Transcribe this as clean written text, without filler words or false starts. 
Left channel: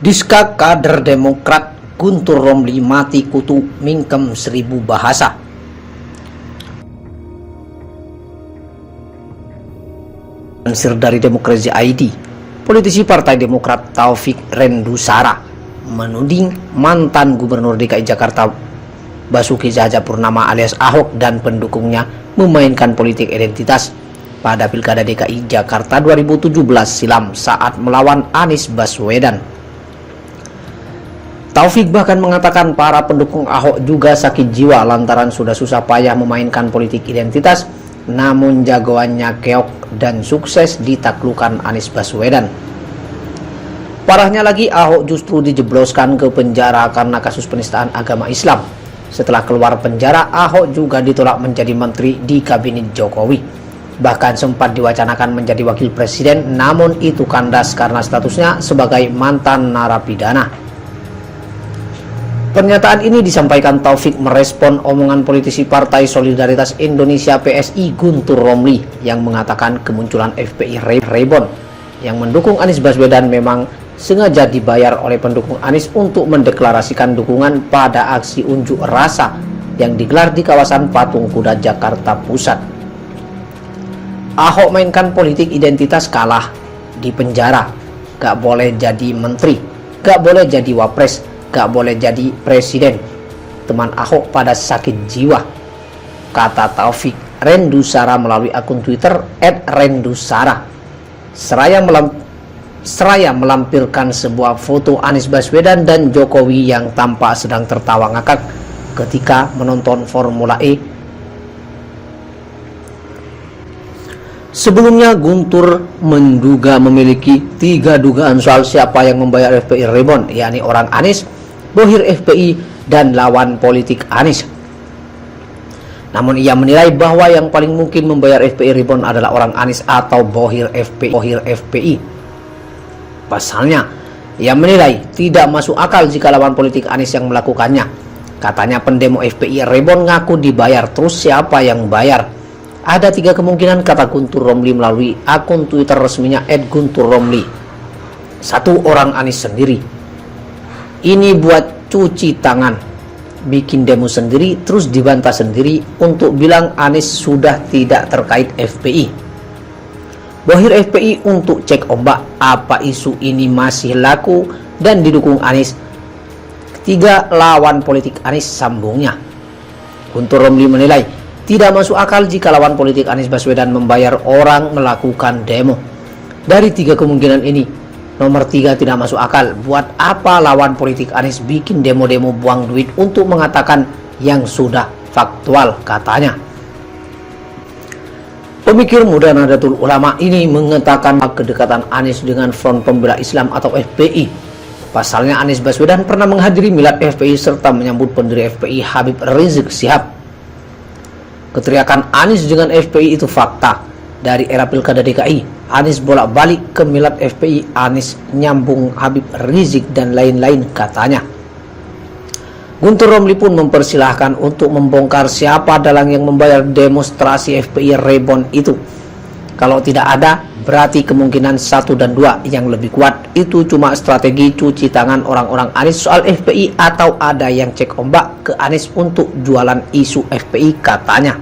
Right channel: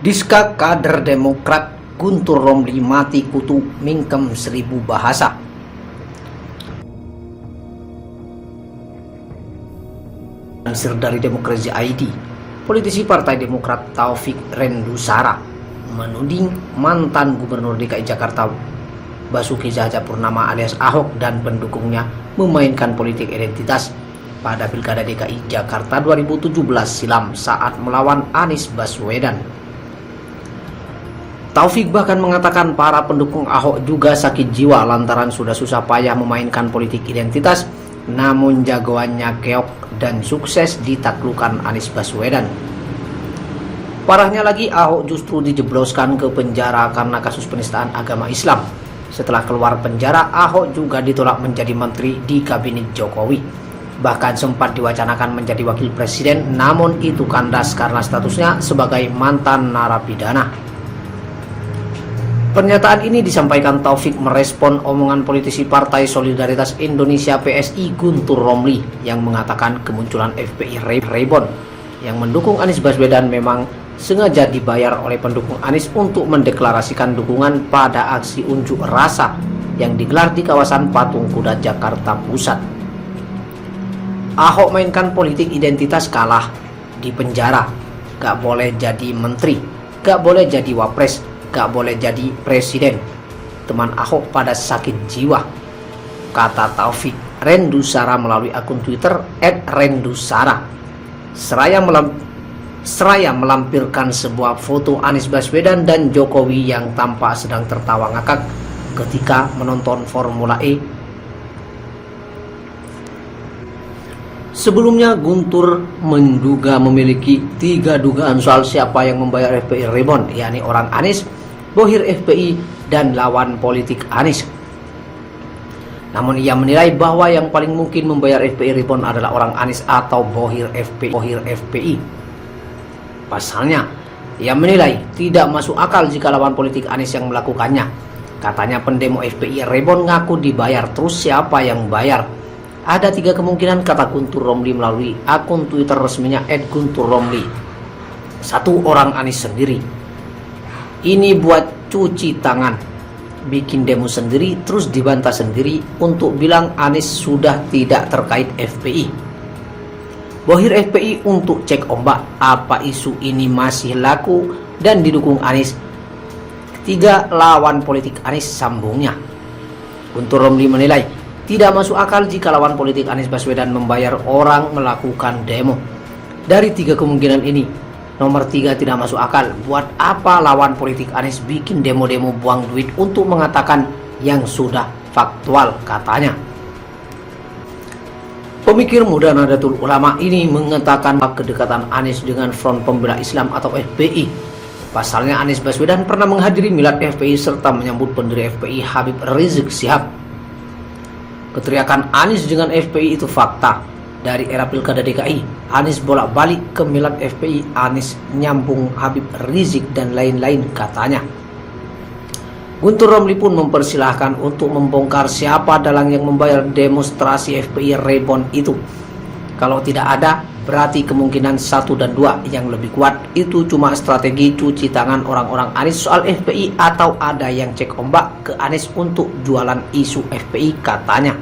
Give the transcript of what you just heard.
Diska kader Demokrat Guntur Romli mati kutu mingkem 1000 bahasa. Lansir dari Demokrasi ID, politisi Partai Demokrat Taufik Rendusara menuding mantan Gubernur DKI Jakarta Basuki Cahayapurnama alias Ahok dan pendukungnya memainkan politik identitas pada Pilkada DKI Jakarta 2017 silam saat melawan Anies Baswedan. Taufik bahkan mengatakan para pendukung Ahok juga sakit jiwa lantaran sudah susah payah memainkan politik identitas, namun jagoannya keok dan sukses ditaklukkan Anies Baswedan. Parahnya lagi, Ahok justru dijebloskan ke penjara karena kasus penistaan agama Islam. Setelah keluar penjara, Ahok juga ditolak menjadi menteri di kabinet Jokowi. Bahkan sempat diwacanakan menjadi wakil presiden, namun itu kandas karena statusnya sebagai mantan narapidana. Pernyataan ini disampaikan Taufik merespon omongan politisi Partai Solidaritas Indonesia PSI Guntur Romli yang mengatakan kemunculan FPI Rebon yang mendukung Anies Baswedan memang sengaja dibayar oleh pendukung Anies untuk mendeklarasikan dukungan pada aksi unjuk rasa yang digelar di kawasan Patung Kuda Jakarta Pusat. Ahok mainkan politik identitas, kalah di penjara, gak boleh jadi menteri, gak boleh jadi wapres, gak boleh jadi presiden. Teman Ahok pada sakit jiwa, kata Taufik Rendusara melalui akun Twitter @rendusara. Seraya melampirkan sebuah foto Anies Baswedan dan Jokowi yang tampak sedang tertawa ngakak ketika menonton Formula E. Sebelumnya Guntur menduga memiliki 3 dugaan soal siapa yang membayar FPI Rebon, yakni orang Anies, bohir FPI, dan lawan politik Anies. Namun ia menilai bahwa yang paling mungkin membayar FPI Rebon adalah orang Anies atau bohir FPI. Pasalnya, ia menilai tidak masuk akal jika lawan politik Anies yang melakukannya. Katanya pendemo FPI Rebon ngaku dibayar, terus siapa yang bayar? Ada 3 kemungkinan, kata Guntur Romli melalui akun Twitter resminya @gunturromli. 1, orang Anies sendiri. Ini buat cuci tangan, bikin demo sendiri, terus dibantah sendiri untuk bilang Anies sudah tidak terkait FPI. Bohir FPI untuk cek ombak apa isu ini masih laku dan didukung Anies. 3, lawan politik Anies, sambungnya. Guntur Romli menilai tidak masuk akal jika lawan politik Anies Baswedan membayar orang melakukan demo. Dari 3 kemungkinan ini, nomor 3 tidak masuk akal. Buat apa lawan politik Anies bikin demo-demo buang duit untuk mengatakan yang sudah faktual, katanya. Pemikir muda Nahdlatul Ulama ini mengatakan kedekatan Anies dengan Front Pembela Islam atau FPI. Pasalnya Anies Baswedan pernah menghadiri milad FPI serta menyambut pendiri FPI Habib Rizik Syihab. Keteriakan Anies dengan FPI itu fakta. Dari era Pilkada DKI, Anies bolak-balik ke milad FPI, Anies nyambung Habib Rizik dan lain-lain, katanya. Guntur Romli pun mempersilahkan untuk membongkar siapa dalang yang membayar demonstrasi FPI Rebon itu. Kalau tidak ada, berarti kemungkinan 1 dan 2 yang lebih kuat itu cuma strategi cuci tangan orang-orang Anies soal FPI, atau ada yang cek ombak ke Anies untuk jualan isu FPI, katanya.